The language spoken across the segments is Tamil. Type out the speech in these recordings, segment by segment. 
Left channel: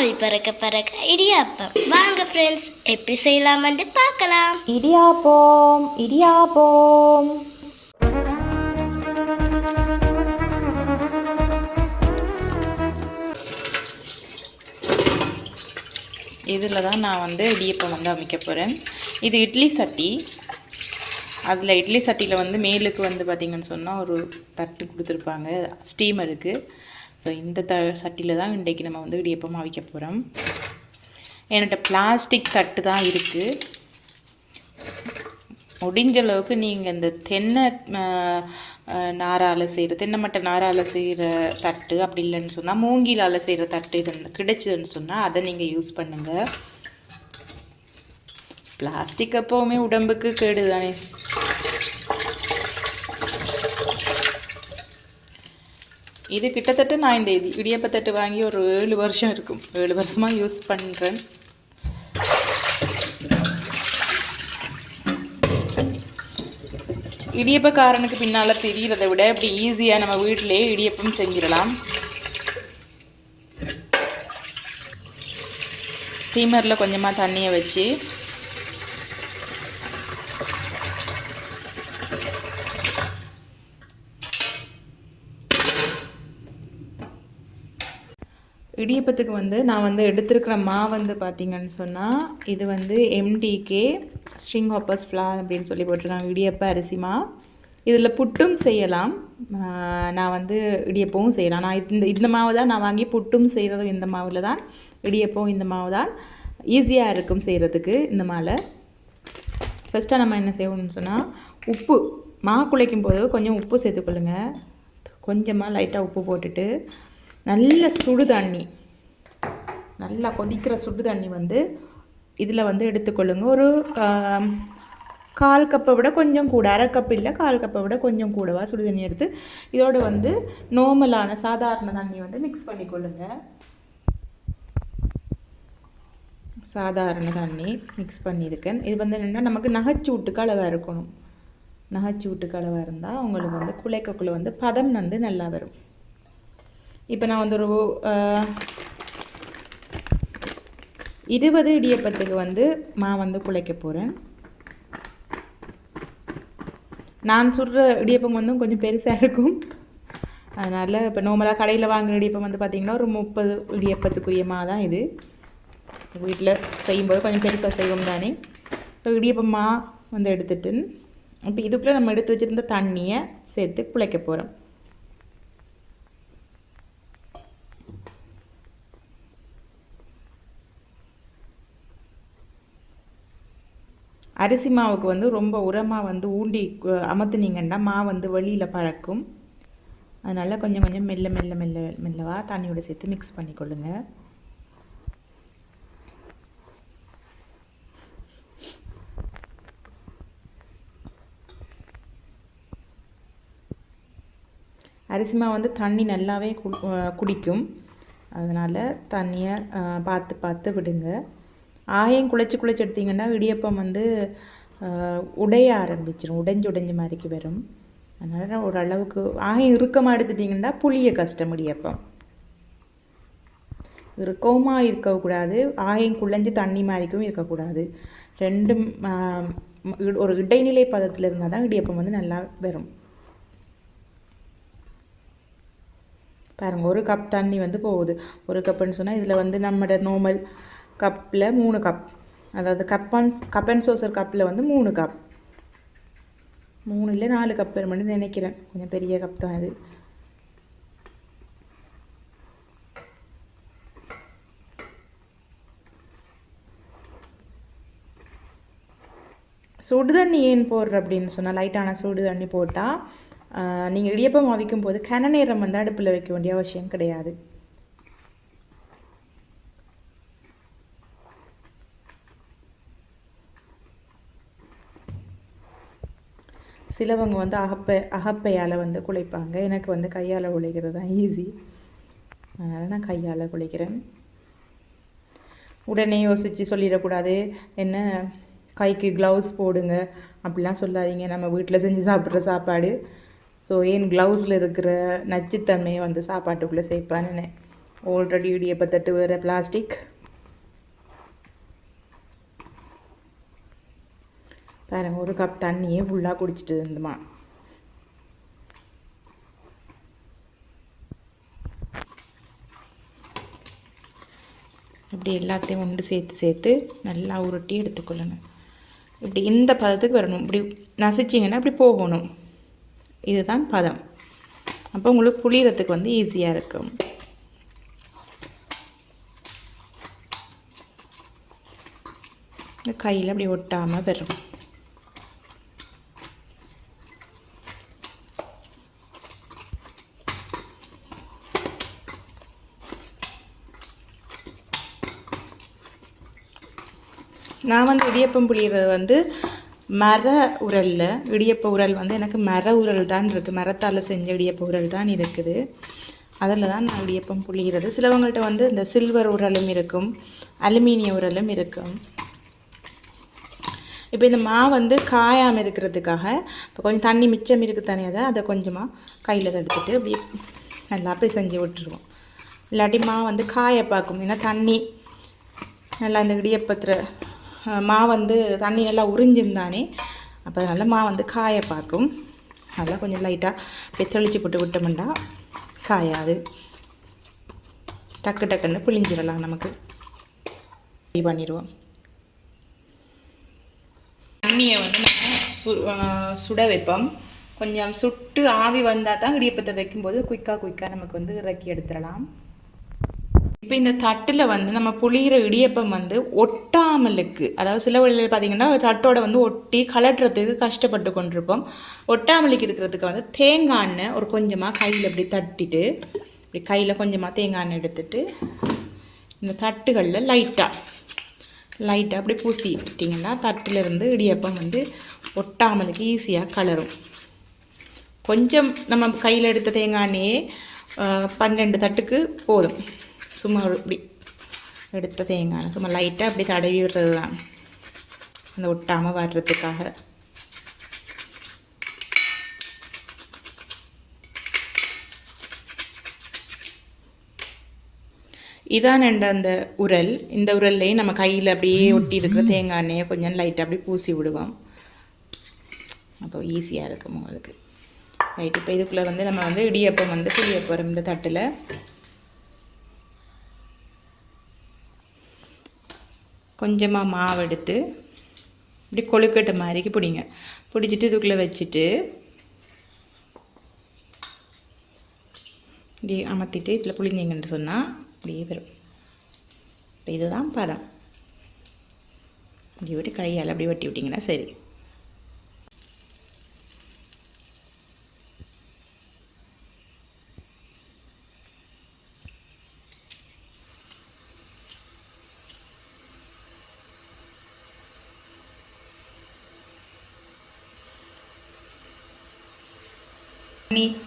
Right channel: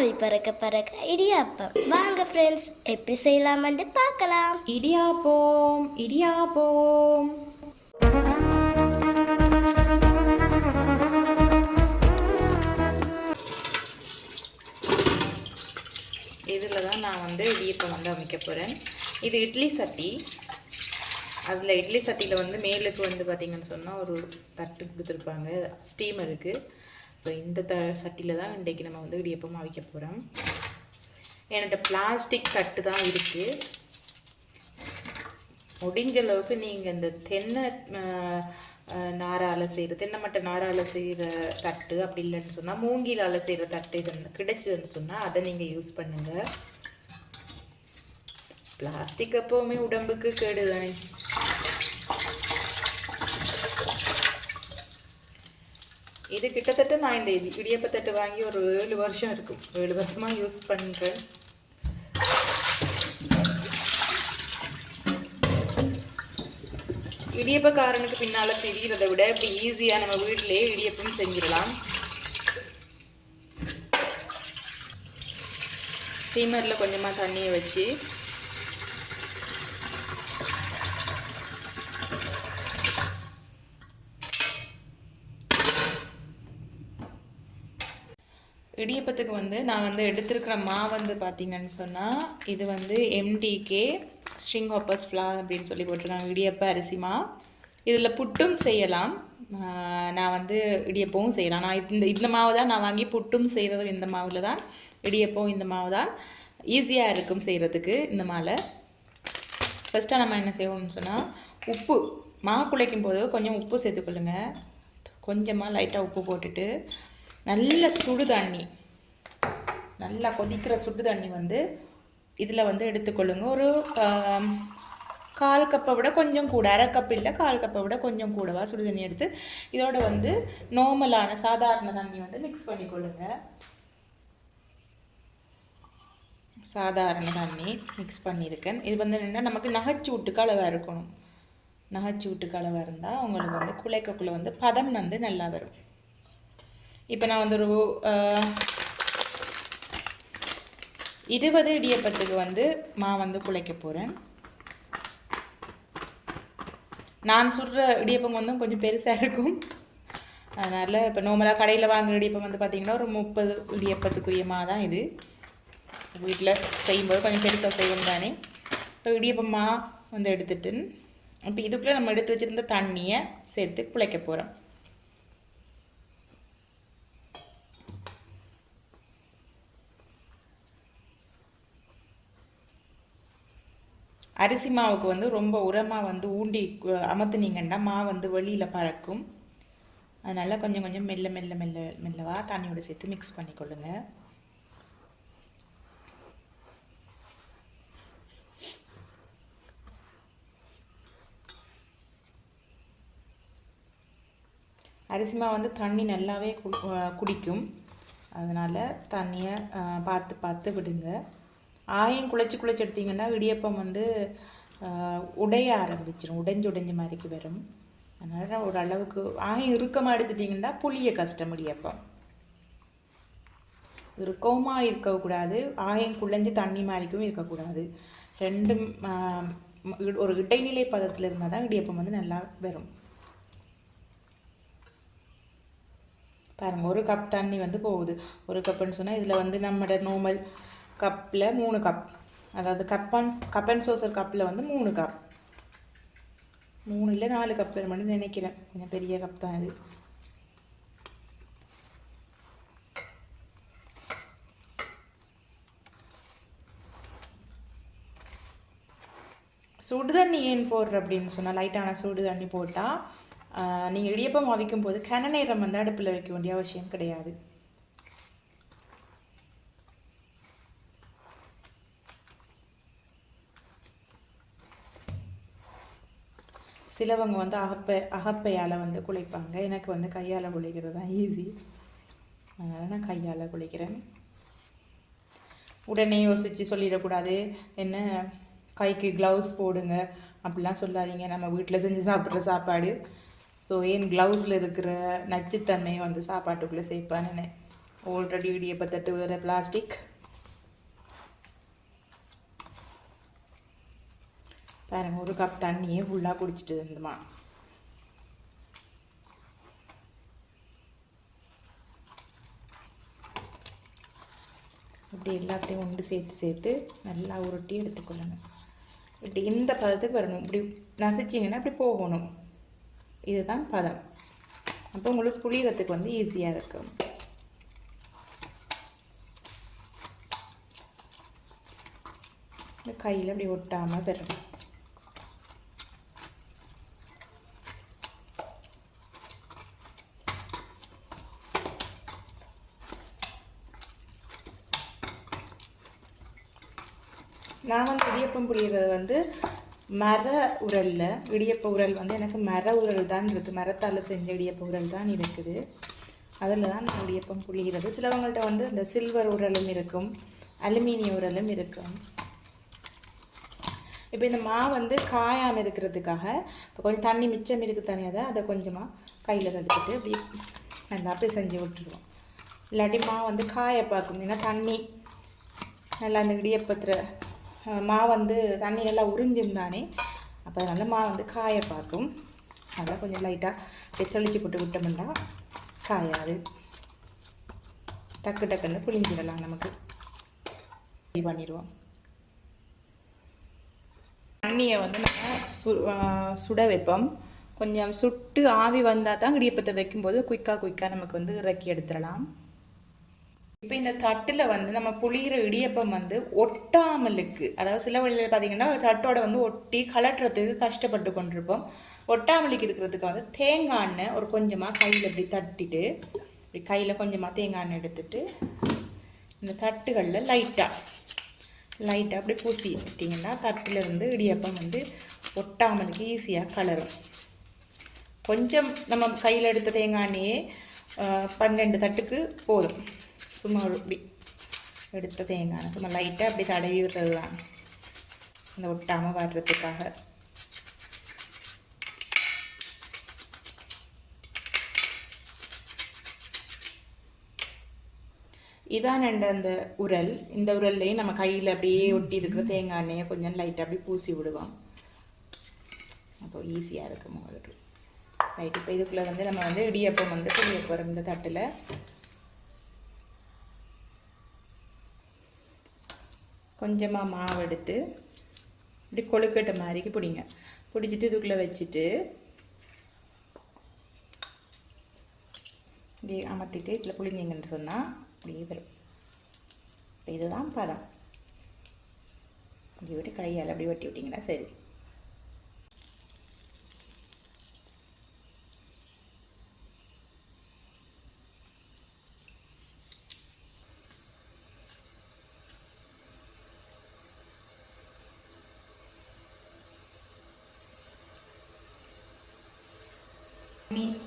ஆவி பறக்க பறக்க இடியாப்பம். வாங்க ஃப்ரெண்ட்ஸ், எப்படி செய்யலாம்னு பார்க்கலாம். இடியாப்பம் இடியாப்பம். இதில் தான் நான் இடியப்பம் அமைக்க போகிறேன். இது இட்லி சட்டி. அதில் இட்லி சட்டியில் மேலுக்கு பார்த்திங்கன்னு சொன்னால் ஒரு தட்டு கொடுத்துருப்பாங்க, ஸ்டீமருக்கு. ஸோ இந்த சட்டியில் தான் இன்றைக்கி நம்ம இடியப்பம் அவிக்க போகிறோம். என்கிட்ட பிளாஸ்டிக் தட்டு தான் இருக்குது. முடிஞ்ச அளவுக்கு நீங்கள் இந்த தென்னை நாரால் செய்கிற, தென்னை மட்டை நாரால் செய்கிற தட்டு, அப்படி இல்லைன்னு சொன்னால் மூங்கிலால் செய்கிற தட்டு கிடைச்சதுன்னு சொன்னால் அதை நீங்கள் யூஸ் பண்ணுங்கள். பிளாஸ்டிக் எப்போவுமே உடம்புக்கு கேடு தானே. இது கிட்டத்தட்ட நான் இந்த இடியப்பத்தட்டு வாங்கி ஒரு 7 வருஷம் இருக்கும். 7 வருஷமாக யூஸ் பண்ணுறேன். இடியப்பக்காரனுக்கு பின்னால் தெரிகிறத விட இப்படி ஈஸியாக நம்ம வீட்டிலே இடியப்பம் செஞ்சிடலாம். ஸ்டீமரில் கொஞ்சமாக தண்ணியை வச்சு இடியப்பத்துக்கு நான் எடுத்துருக்கிற மாவு பார்த்திங்கன்னு சொன்னால் இது எம்டிகே ஸ்ட்ரிங் ஹாப்பர்ஸ் ஃப்ளார் அப்படின்னு சொல்லி போட்டிருக்காங்க. இடியப்ப அரிசி மா. இதில் புட்டும் செய்யலாம். நான் இடியப்பவும் செய்யலாம். நான் இந்த மாவு தான் நான் வாங்கி புட்டும் செய்கிறது. இந்த மாவில் தான். இடியப்பவும் இந்த மாவு தான். ஈஸியாக இருக்கும் செய்கிறதுக்கு இந்த மாவில். ஃபஸ்ட்டாக நம்ம என்ன செய்யணும்னு சொன்னால், உப்பு மா குழைக்கும் போது கொஞ்சம் உப்பு சேர்த்துக்கொள்ளுங்க. கொஞ்சமாக லைட்டாக உப்பு போட்டுட்டு நல்ல சுடு தண்ணி, நல்லா கொதிக்கிற சுடு தண்ணி இதில் எடுத்துக்கொள்ளுங்க. ஒரு 1/4 கப்பை விட கொஞ்சம் கூட, 1/2 கப் இல்லை 1/4 கப்பை விட கொஞ்சம் கூடவா சுடு தண்ணி எடுத்து இதோட நார்மலான சாதாரண தண்ணி மிக்ஸ் பண்ணிக்கொள்ளுங்க. சாதாரண தண்ணி மிக்ஸ் பண்ணியிருக்கேன். இது என்னென்னா நமக்கு நகைச்சூட்டுக்கு அளவாக இருக்கணும். நகைச்சூட்டுக்கு அளவாக இருந்தால் உங்களுக்கு குழைக்கக்குள்ளே பதம் நல்லா வரும். இப்போ நான் ஒரு 20 இடியப்பத்துக்கு மா குழைக்க போகிறேன். நான் சுடுற இடியப்பம் கொஞ்சம் பெருசாக இருக்கும். அதனால் இப்போ நார்மலாக கடையில் வாங்குகிற இடியப்பம் பார்த்திங்கன்னா ஒரு 30 இடியப்பத்துக்குரிய மா தான் இது. வீட்டில் செய்யும்போது கொஞ்சம் பெருசாக செய்வோம் தானே. ஸோ இடியப்பம் மா எடுத்துட்டு இப்போ இதுக்குள்ளே நம்ம எடுத்து வச்சுருந்த தண்ணியை சேர்த்து குழைக்க போகிறோம். அரிசி மாவுக்கு ரொம்ப உரமாக ஊண்டி அமர்த்துனீங்கன்னா மா வெளியில் பறக்கும். அதனால் கொஞ்சம் கொஞ்சம் மெல்ல மெல்ல மெல்ல மெல்லவாக தண்ணியோட சேர்த்து மிக்ஸ் பண்ணிக்கொள்ளுங்க. அரிசி மாவு தண்ணி நல்லாவே குடிக்கும். அதனால் தண்ணியை பார்த்து பார்த்து விடுங்க. ஆயம் குழைச்சி எடுத்திங்கன்னா இடியப்பம் உடைய ஆரம்பிச்சிடும். உடைஞ்சு மாதிரிக்கு வரும். அதனால் ஓரளவுக்கு ஆயம் இறுக்கமாக எடுத்துட்டிங்கன்னா புளிய கஷ்டம். இடியப்பம் இறுக்கமாக இருக்கக்கூடாது, ஆயம் குழைஞ்சி தண்ணி மாதிரிக்கும் இருக்கக்கூடாது. ரெண்டும் ஒரு இடைநிலை பதத்தில் இருந்தால் தான் இடியப்பம் நல்லா வரும். பாருங்கள், 1 கப் தண்ணி போகுது. 1 கப்புன்னு சொன்னால் இதில் நம்மளோட நார்மல் கப்பில் 3 கப், அதாவது கப் அண்ட் சோசர் கப்பில் 3 கப், 3 இல்லை 4 கப் வரும்னு நினைக்கிறேன். கொஞ்சம் பெரிய கப் தான் அது. சுடு தண்ணி ஏன் போடுற அப்படின்னு சொன்னால், லைட்டான சுடு தண்ணி போட்டால் நீங்கள் இடியப்பம் அவிக்கும் போது கன நேரம் அடுப்பில் வைக்க வேண்டிய அவசியம் கிடையாது. சிலவங்க அகப்பையால் குழைப்பாங்க. எனக்கு கையால் குழைக்கிறது தான் ஈஸி. அதனால் நான் கையால் குழைக்கிறேன். உடனே யோசித்து சொல்லிடக்கூடாது, என்ன கைக்கு க்ளவுஸ் போடுங்க அப்படிலாம் சொல்லாதீங்க. நம்ம வீட்டில் செஞ்சு சாப்பிட்ற சாப்பாடு. ஸோ ஏன் க்ளவுஸில் இருக்கிற நச்சுத்தன்மையை சாப்பாட்டுக்குள்ளே சேர்ப்பான்னு ஆல்ரெடி இடியப்பத்தட்டு வேறு பிளாஸ்டிக். பாருங்க, ஒரு கப் தண்ணியே ஃபுல்லாக குடிச்சிட்டு இருந்துமா. இப்படி எல்லாத்தையும் ஒன்று சேர்த்து நல்லா உருட்டி எடுத்துக்கொள்ளணும். இப்படி இந்த பதத்துக்கு வரணும். இப்படி நசிச்சிங்கன்னா இப்படி போகணும். இதுதான் பதம். அப்போ உங்களுக்கு புளியறதுக்கு வந்து ஈஸியாக இருக்கும். இந்த கையில் அப்படி ஒட்டாமல் வரும். நான் வந்து இடியப்பம் புளியறது வந்து மர உரலில், இடியப்ப உரல் வந்து எனக்கு மர உரல் தான் இருக்குது. மரத்தால் செஞ்ச இடியப்ப உரல் தான் இருக்குது. அதில் தான் நான் இடியப்பம் புளியறது. சிலவங்கள்ட்ட வந்து இந்த சில்வர் உரலும் இருக்கும், அலுமினிய உரலும் இருக்கும். இப்போ இந்த மாவு வந்து காயாமல் இருக்கிறதுக்காக இப்போ கொஞ்சம் தண்ணி மிச்சம் இருக்குது தானே, அதை கொஞ்சமாக கையில் எடுத்துகிட்டு அப்படி நல்லா பிசைஞ்சு விட்டுருவோம். இல்லாட்டி மாவு வந்து காய பார்க்கும். ஏன்னா தண்ணி நல்லா அந்த இடியப்பத்தில் மாவு வந்து தண்ணி நல்லா உறிஞ்சிருந்தானே, அப்போ நல்லா மாவு வந்து காய பார்க்கும். நல்லா கொஞ்சம் லைட்டாக தெளித்து போட்டு விட்டோம்னா காயாது. டக்கு டக்குன்னு புளிஞ்சிடலாம். நமக்கு ரெடி பண்ணிடுவோம். தண்ணியை வந்து நம்ம சுட வைப்போம். கொஞ்சம் சுட்டு ஆவி வந்தால் தான் இடியப்பத்தை வைக்கும்போது குயிக்காக நமக்கு வந்து இறக்கி எடுத்துடலாம். இப்போ இந்த தட்டில் வந்து நம்ம புளிகிற இடியப்பம் வந்து ஒட்டாமலுக்கு, அதாவது சில வழியில் பார்த்திங்கன்னா தட்டோட வந்து ஒட்டி கலட்டுறதுக்கு கஷ்டப்பட்டு கொண்டிருப்போம். ஒட்டாமலுக்கு இருக்கிறதுக்கு வந்து தேங்காய் எண்ணெய் ஒரு கொஞ்சமாக கையில் இப்படி தட்டிட்டு, இப்படி கையில் கொஞ்சமாக தேங்காய் எண்ணெய் எடுத்துட்டு இந்த தட்டுகளில் லைட்டாக அப்படி பூசிட்டிங்கன்னா தட்டிலிருந்து இடியப்பம் வந்து ஒட்டாமலுக்கு ஈஸியாக கலரும். கொஞ்சம் நம்ம கையில் எடுத்த தேங்காய் எண்ணெயே 12 தட்டுக்கு போதும். சும்மா இப்படி எடுத்த தேங்காய் சும்மா லைட்டாக அப்படி தடவி விடுறது தான் அந்த ஒட்டாமல் வர்றதுக்காக. இதான் அந்த உரல். இந்த உரல்லையும் நம்ம கையில் அப்படியே ஒட்டி இருக்கிற தேங்காய் எண்ணெயை கொஞ்சம் லைட்டாக அப்படி பூசி விடுவோம். அப்போ ஈஸியாக இருக்கும் அதுக்கு. ரைட், இப்போ இதுக்குள்ளே வந்து நம்ம வந்து இடியப்பம் வந்து புளிய போகிறோம். இந்த தட்டில் கொஞ்சமாக மாவு எடுத்து இப்படி கொழுக்கட்டை மாதிரிக்கு பிடிச்சிட்டு இதுக்குள்ளே வச்சுட்டு இப்படி அமர்த்திட்டு இதில் புளிஞ்சிங்கன்னு சொன்னால் அப்படியே வரும். இப்போ இதுதான் பதம். இப்படி விட்டு கையால் அப்படி வெட்டி விட்டிங்கன்னா சரி.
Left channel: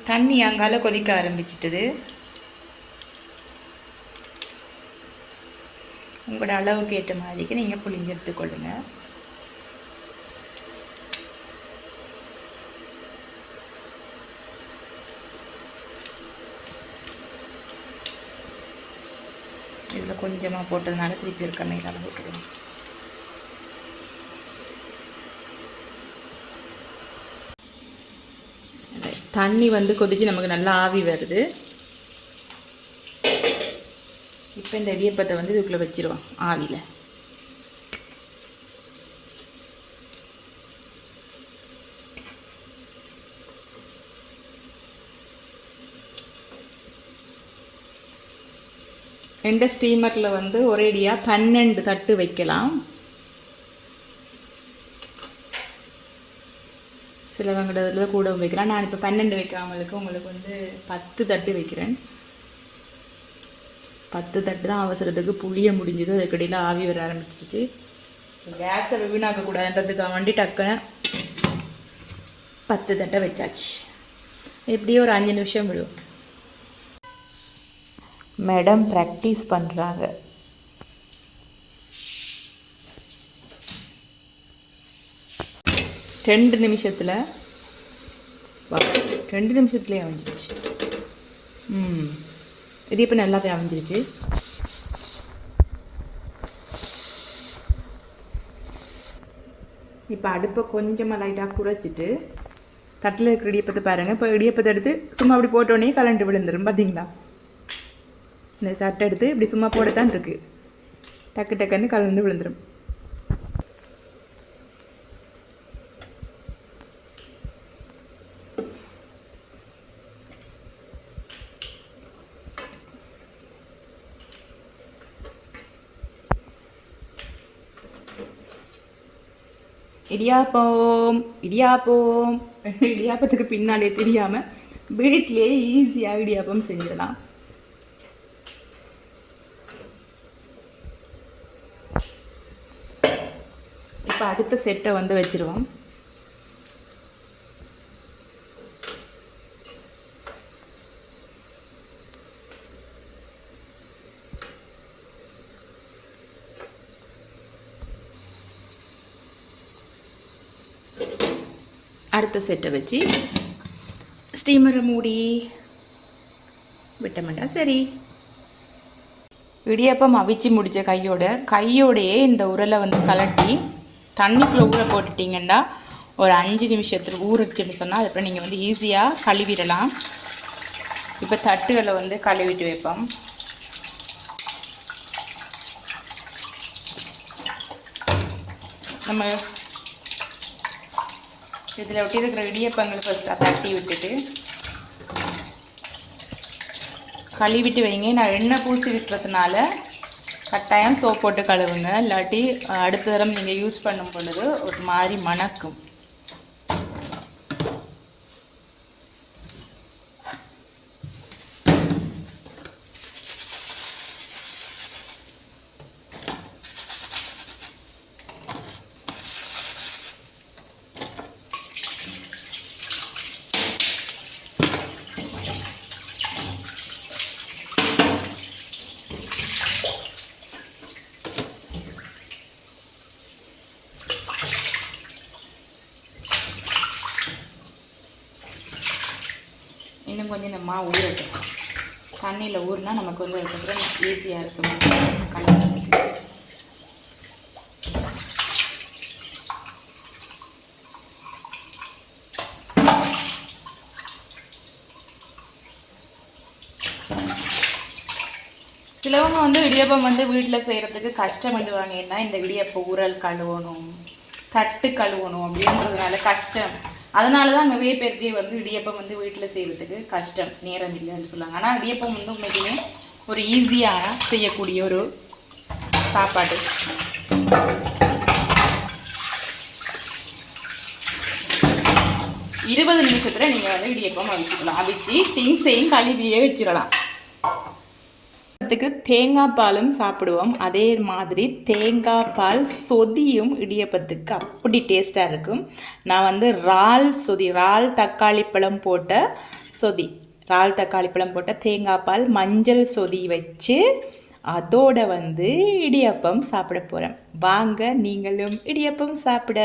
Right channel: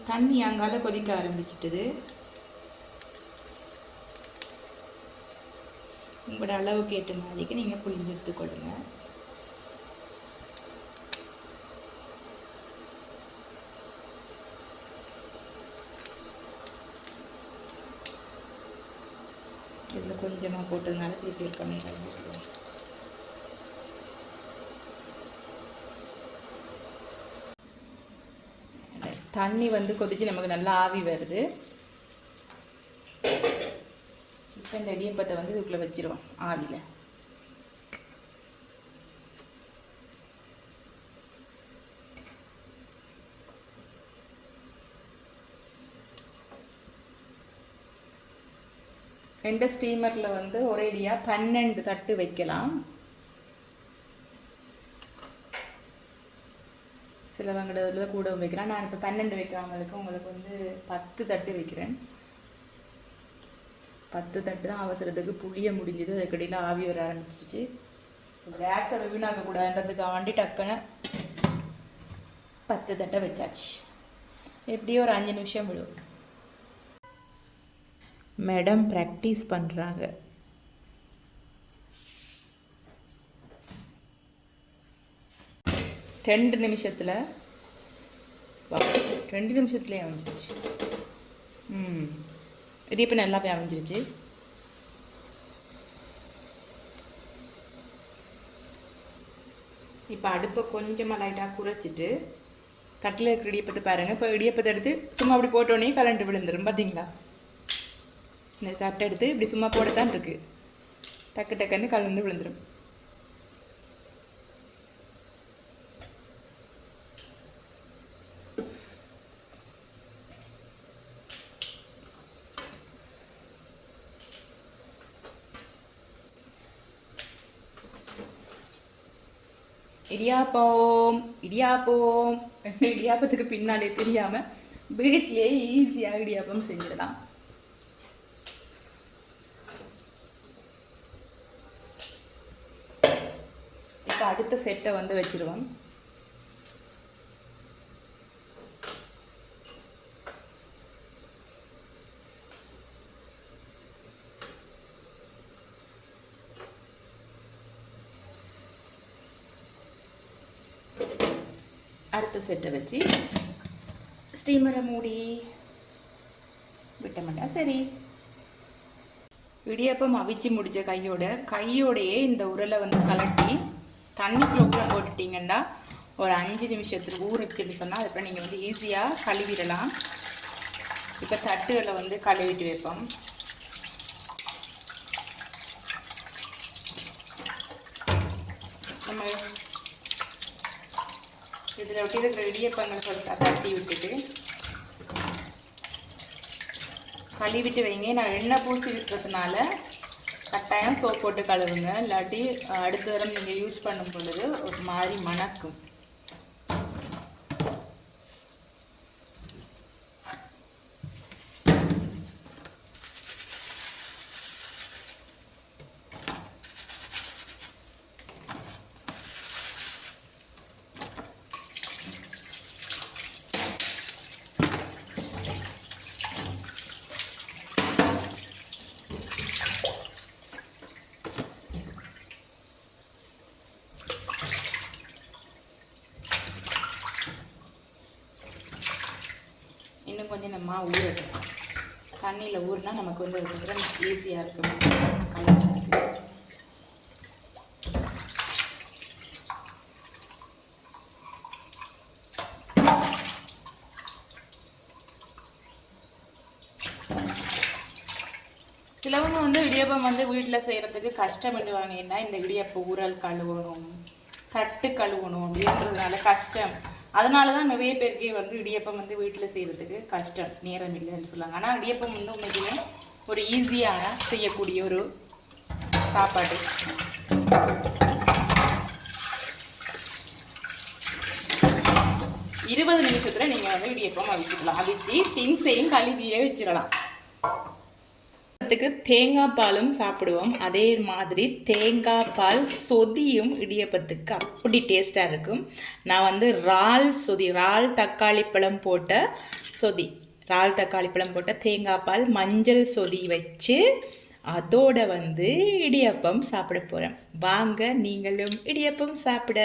தண்ணி அங்கால கொதிக்க ஆரம்பிச்சிட்டது. உங்களோட அளவுக்கு ஏற்ற மாதிரிக்கு நீங்கள் புளிஞ்சு எடுத்துக்கொள்ளுங்க. இதில் கொஞ்சமாக போட்டதுனால திருப்பி இருக்க மேலே போட்டுருவோம். தண்ணி வந்து கொதிச்சு நமக்கு நல்லா ஆவி வருது. இப்போ இந்த இடியப்பத்தை வந்து இதுக்குள்ளே வச்சிருவோம் ஆவியில். ரெண்டு ஸ்டீமரில் வந்து ஒரேடியாக 12 தட்டு வைக்கலாம். சிலவங்கிறதுல கூட வைக்கலாம். நான் இப்போ 12 வைக்காமலுக்கு உங்களுக்கு வந்து 10 தட்டு வைக்கிறேன். 10 தட்டு தான் அவசரத்துக்கு புளிய முடிஞ்சது. அதுக்கடியில் ஆவி வர ஆரம்பிச்சிருச்சு. கேஸை வீணாக்கக்கூடாதுன்றதுக்காக வண்டி டக்குன்னு 10 தட்டை வச்சாச்சு. எப்படியும் ஒரு 5 நிமிஷம் விடும். மேடம் ப்ராக்டிஸ் பண்ணுறாங்க. ரெண்டு நிமிஷத்துலேயே வந்துச்சு. இது இப்போ நல்லாவே அமைஞ்சிருச்சு. இப்போ அடுப்பை கொஞ்சமாக லைட்டாக குறைச்சிட்டு தட்டில் இருக்கிற இடியப்பத்தை பாருங்கள். இப்போ இடியப்பத்தை எடுத்து சும்மா அப்படி போட்டோடனே கலண்டு விழுந்துடும். பார்த்தீங்களா, இந்த தட்டை எடுத்து இப்படி சும்மா போடத்தான் இருக்குது, டக்கு டக்குன்னு கலந்து விழுந்துடும். இடியாப்பம் இடியாப்பம் இடியாப்பத்துக்கு பின்னாலே தெரியாமல் வீட்டிலேயே ஈஸியாக இடியாப்பம் செஞ்சிடலாம். இப்போ அடுத்த செட்டை வந்து வச்சிருவோம். அடுத்த செட்டை வச்சு ஸ்டீமரை மூடி விட்டோம்னா சரி. இடியாப்பம் அவிச்சு முடித்த கையோடையே இந்த உரலை வந்து கலட்டி தண்ணிக்குள்ளே ஊற போட்டுட்டிங்கன்னா ஒரு 5 நிமிஷத்துக்கு ஊறிச்சுன்னு சொன்னால் அதுக்கப்புறம் நீங்கள் வந்து ஈஸியாக கழுவிடலாம். இப்போ தட்டுகளை வந்து கழுவிட்டு வைப்போம். நம்ம இதில் ஒட்டி இருக்கிற இடியப்பங்களை ஃபஸ்ட்டாக தட்டி விட்டுட்டு கழுவிட்டு வைங்க. நான் எண்ணெய் பூசி விட்டுறதுனால கட்டாயம் சோப் போட்டு கழுவுங்க, இல்லாட்டி அடுத்த தரம் நீங்கள் யூஸ் பண்ணும் பொழுது ஒரு மாதிரி மணக்கும். இன்னும் கொஞ்சம் இந்த மாவு ஊறட்டும். தண்ணியில் ஊறினா நமக்கு வந்து அதுக்கப்புறம் ஈஸியாக இருக்கும் கலக்கிறதுக்கு. சிலவங்க வந்து இடியப்பம் வந்து வீட்டில் செய்கிறதுக்கு கஷ்டப்படுவாங்க. ஏன்னா இந்த இடியப்ப உரல் கழுவணும், தட்டு கழுவணும் அப்படின்றதுனால கஷ்டம். அதனால தான் நிறைய பேருக்கு வந்து இடியப்பம் வந்து வீட்டில் செய்கிறதுக்கு கஷ்டம், நேரம் இல்லைன்னு சொல்லுவாங்க. ஆனால் இடியப்பம் வந்து உண்மைக்குமே ஒரு ஈஸியாக செய்யக்கூடிய ஒரு சாப்பாடு. இருபது நிமிஷத்தில் நீங்கள் வந்து இடியப்பம் அவிச்சிக்கலாம். அவிச்சு திங்ஸையும் கழுவியே வச்சிடலாம். தேங்காய் பாலும் சாப்பிடுவோம். அதே மாதிரி தேங்காய் பால் சொதியும் இடியப்பத்துக்கு அப்படி டேஸ்ட்டாக இருக்கும். நான் வந்து இறால் தக்காளி பழம் போட்ட சொதி, இறால் தக்காளி பழம் போட்ட தேங்காய் பால் மஞ்சள் சொதி வச்சு அதோட வந்து இடியப்பம் சாப்பிட போகிறேன். வாங்க நீங்களும் இடியப்பம் சாப்பிட.